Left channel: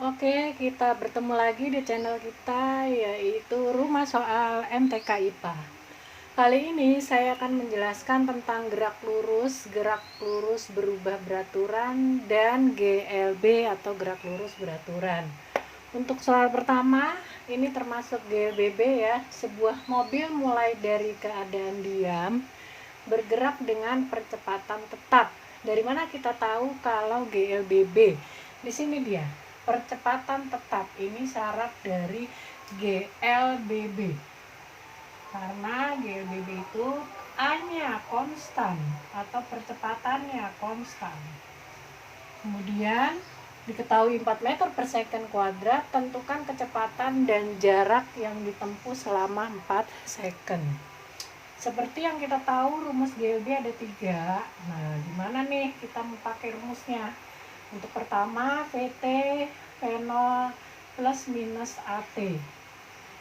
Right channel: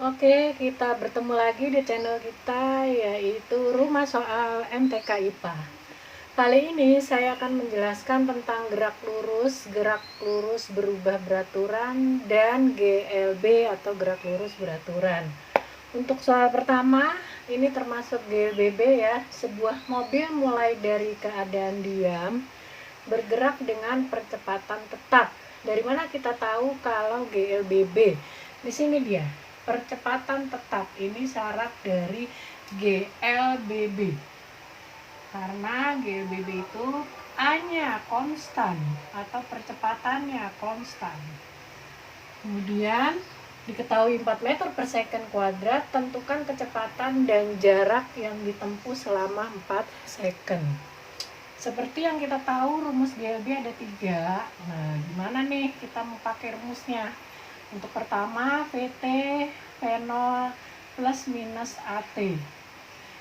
Oke, kita bertemu lagi di channel kita, yaitu Rumah Soal MTK IPA. Kali ini saya akan menjelaskan tentang gerak lurus berubah beraturan, dan GLB atau gerak lurus beraturan. Untuk soal pertama, ini termasuk GLBB ya. Sebuah mobil mulai dari keadaan diam, bergerak dengan percepatan tetap. Dari mana kita tahu kalau GLBB? Di sini dia, percepatan tetap. Ini syarat dari GLBB. Karena GLBB itu A-nya konstan atau percepatannya konstan. Kemudian diketahui 4 meter per second kuadrat, tentukan kecepatan dan jarak yang ditempuh selama 4 second. Seperti yang kita tahu, rumus GLB ada 3. Nah, gimana nih kita mau pakai rumusnya? Untuk pertama, VT V0 plus minus AT.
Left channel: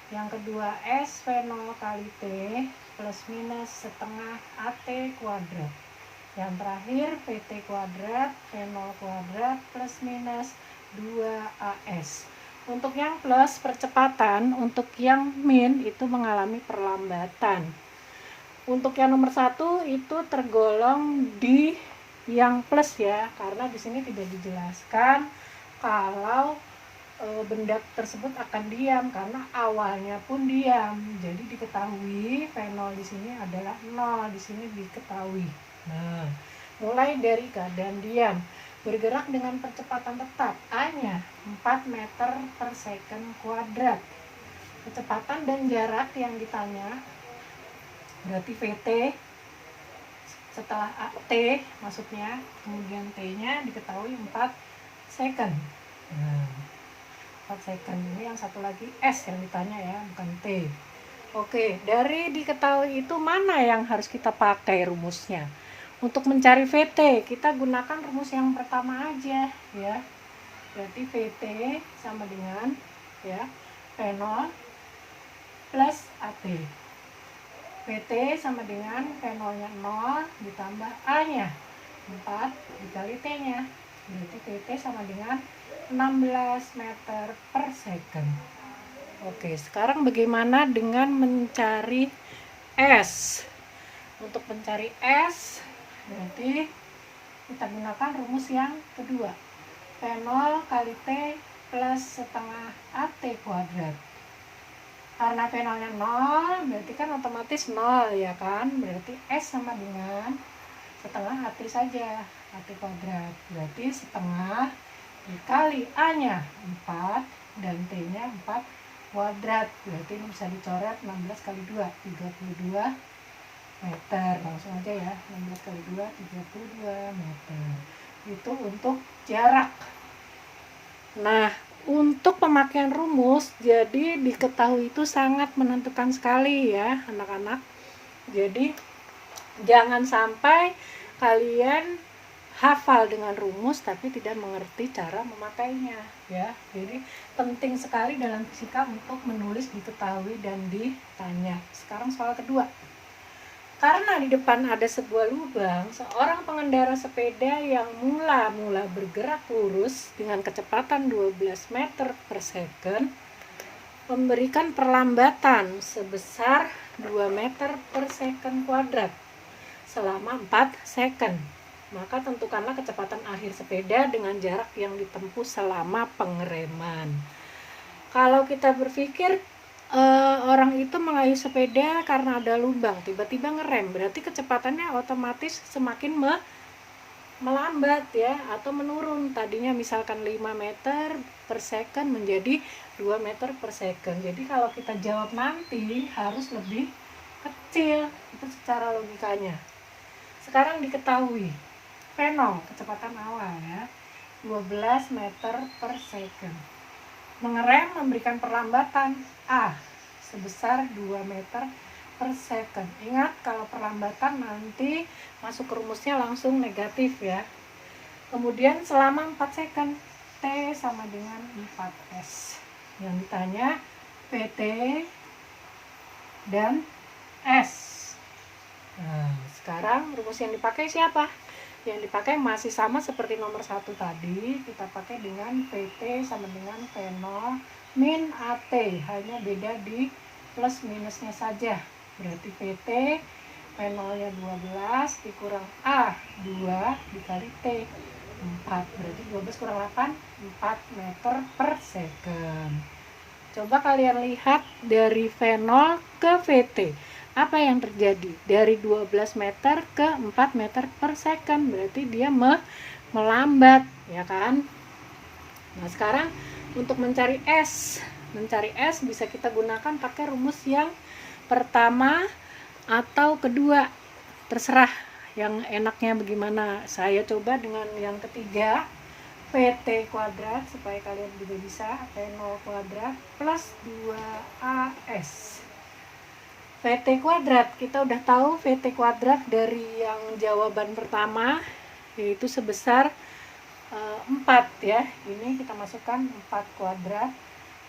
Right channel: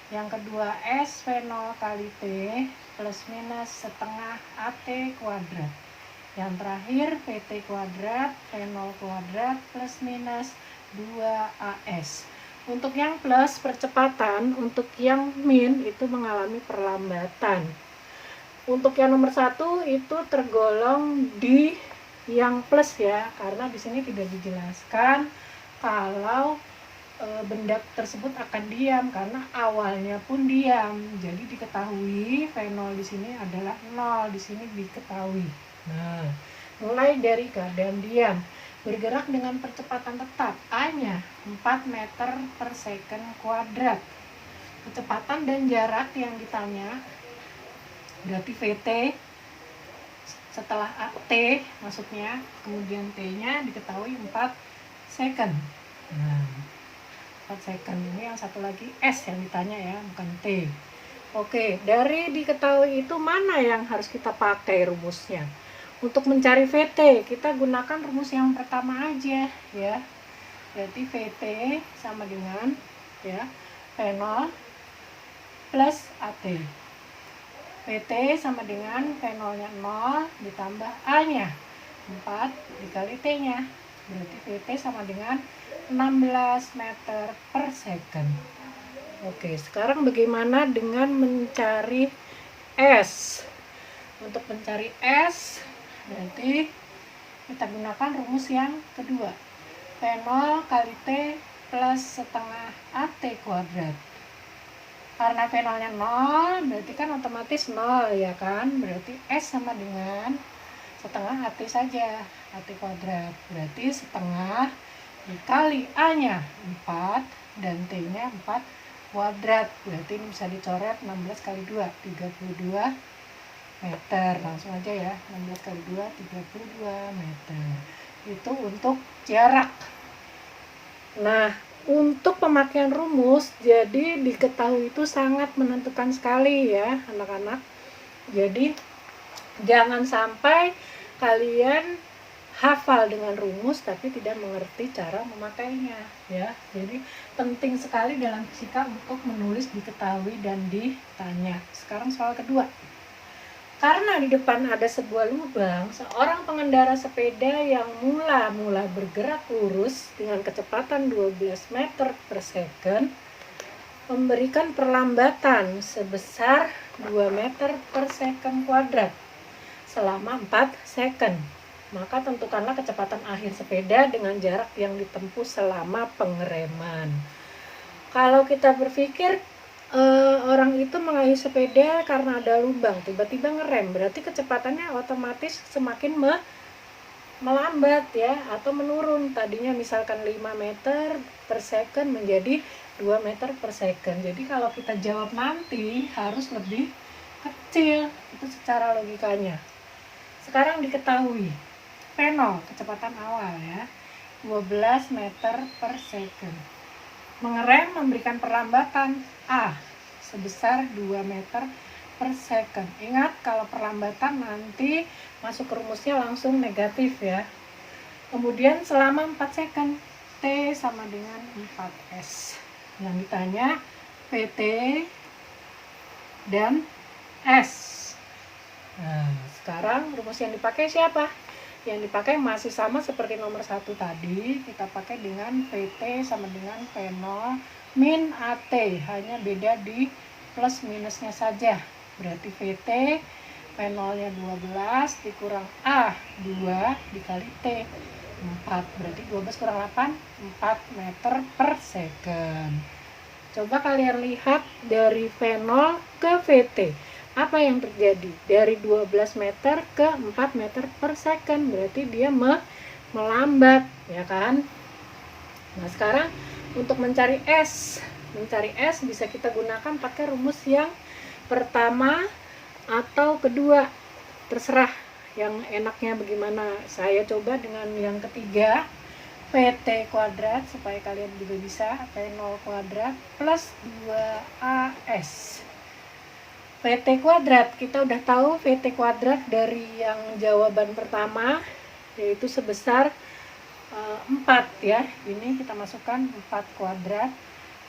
Yang kedua, S V0 kali T plus minus setengah AT kuadrat. Yang terakhir, VT kuadrat V0 kuadrat plus minus 2AS. Untuk yang plus percepatan, untuk yang min itu mengalami perlambatan. Untuk yang nomor 1 itu tergolong di yang plus ya, karena di sini tidak dijelaskan kalau benda tersebut akan diam, karena awalnya pun diam. Jadi diketahui V0 di sini adalah 0, di sini diketahui. Nah, mulai dari keadaan diam, bergerak dengan percepatan tetap, A-nya 4 meter per second kuadrat. Kecepatan dan jarak yang ditanya berarti VT setelah T maksudnya, kemudian T-nya diketahui 4 second. Nah, 4 second ini yang satu lagi S yang ditanya ya, bukan T. Oke, dari diketahui itu mana yang harus kita pakai rumusnya? Untuk mencari VT, kita gunakan rumus yang pertama aja ya. Berarti VT sama dengan ya V0 plus AT. VT sama dengan V0-nya 0 ditambah A-nya 4 dikali T-nya. Berarti VT sama dengan 16 meter per second. Oke, sekarang bagaimana dengan mencari S? Untuk mencari S, berarti kita gunakan rumus yang kedua. V0 kali T plus setengah AT kuadrat. Karena V0-nya 0, berarti kan otomatis 0 ya kan? Berarti S sama dengan setengah AT saja, AT kuadrat. Berarti setengah dikali A-nya 4 dan T-nya 4 kuadrat. Berarti ini bisa dicoret 16 kali 2, 32 meter. Langsung aja ya, 16 kali 2, 32 meter. Itu untuk jarak. Nah, untuk pemakaian rumus, jadi diketahui itu sangat menentukan sekali ya anak-anak. Jadi jangan sampai kalian hafal dengan rumus tapi tidak mengerti cara memakainya ya. Jadi penting sekali dalam fisika untuk menulis diketahui dan ditanya. Sekarang soal kedua. Karena di depan ada sebuah lubang, seorang pengendara sepeda yang mula bergerak lurus dengan kecepatan 12 meter per second memberikan perlambatan sebesar 2 meter per second kuadrat selama 4 second. Maka tentukanlah kecepatan akhir sepeda dengan jarak yang ditempuh selama pengereman. Kalau kita berpikir orang itu mengayuh sepeda karena ada lubang, tiba-tiba ngerem, berarti kecepatannya otomatis semakin melambat ya, atau menurun. Tadinya misalkan 5 meter per second menjadi 2 meter per second. Jadi kalau kita jawab nanti harus lebih kecil, itu secara logikanya. Sekarang diketahui V0 kecepatan awal ya, 12 meter per second. Mengerem memberikan perlambatan A sebesar 2 meter per second. Ingat, kalau perlambatan nanti masuk ke rumusnya langsung negatif ya. Kemudian selama 4 second, T sama dengan 4S. Yang ditanya PT dan S. Nah, sekarang rumus yang dipakai siapa? yang dipakai masih sama seperti nomor 1 tadi. Kita pakai dengan VT sama dengan P0 min AT, hanya beda di plus minusnya saja. Berarti VT P0 nya 12 dikurang A 2 dikali T 4, berarti 12 kurang 8 4 meter per second. Coba kalian lihat dari V0 ke VT, apa yang terjadi? Dari 12 meter ke 4 meter per second, berarti dia melambat, ya kan? Nah, sekarang untuk mencari S bisa kita gunakan pakai rumus yang pertama atau kedua, terserah yang enaknya bagaimana. Saya coba dengan yang ketiga, PT kuadrat, supaya kalian juga bisa. P0 kuadrat plus 2AS. PT kuadrat, kita udah tahu PT kuadrat dari yang jawaban pertama, yaitu sebesar 4 ya. Ini kita masukkan 4 kuadrat.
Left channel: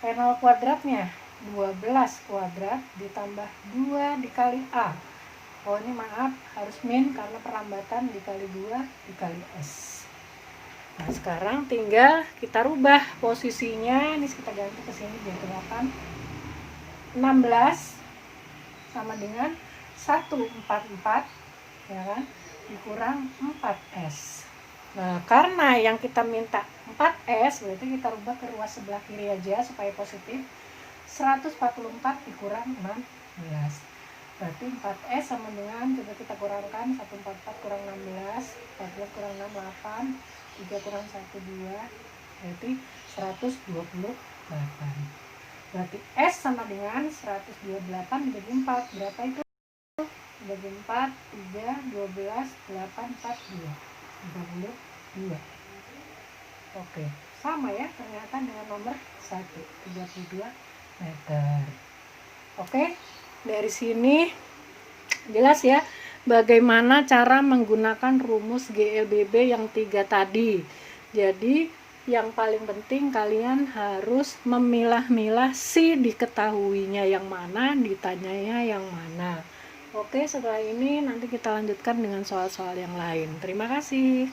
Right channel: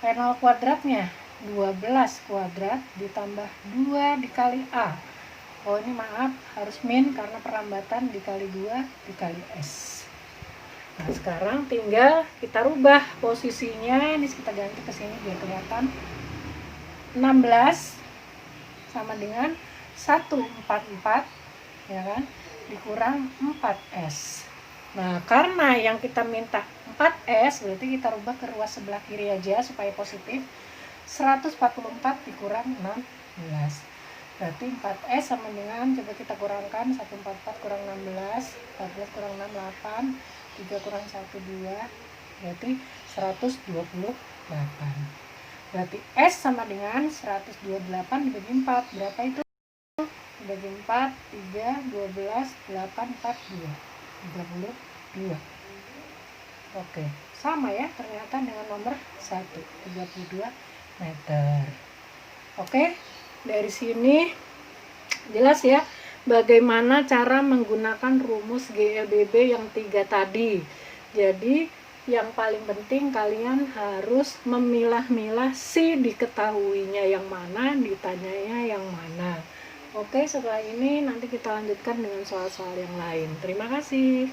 P0 kuadratnya 12 kuadrat ditambah 2 dikali A. Oh, ini maaf, harus min karena perlambatan dikali 2 dikali S. Nah, sekarang tinggal kita rubah posisinya. Ini kita ganti ke sini biar kelihatan. 16 sama dengan 144, ya kan, dikurang 4S. Nah, karena yang kita minta 4S, berarti kita rubah ke ruas sebelah kiri aja supaya positif. 144 dikurang 16. Berarti 4S sama dengan, coba kita kurangkan, 144 kurang 16, 14 kurang 6, 8, 3 kurang 1, 2, berarti 128. Berarti S sama dengan 128 dibagi 4, berapa itu? Dibagi 4, 3, 12, 8, 42, 32. Oke, sama ya ternyata dengan nomor 1, 32 meter. Oke, dari sini jelas ya bagaimana cara menggunakan rumus GLBB yang 3 tadi. Jadi yang paling penting kalian harus memilah-milah si diketahuinya yang mana, ditanyanya yang mana. Oke, setelah ini nanti kita lanjutkan dengan soal-soal yang lain. Terima kasih.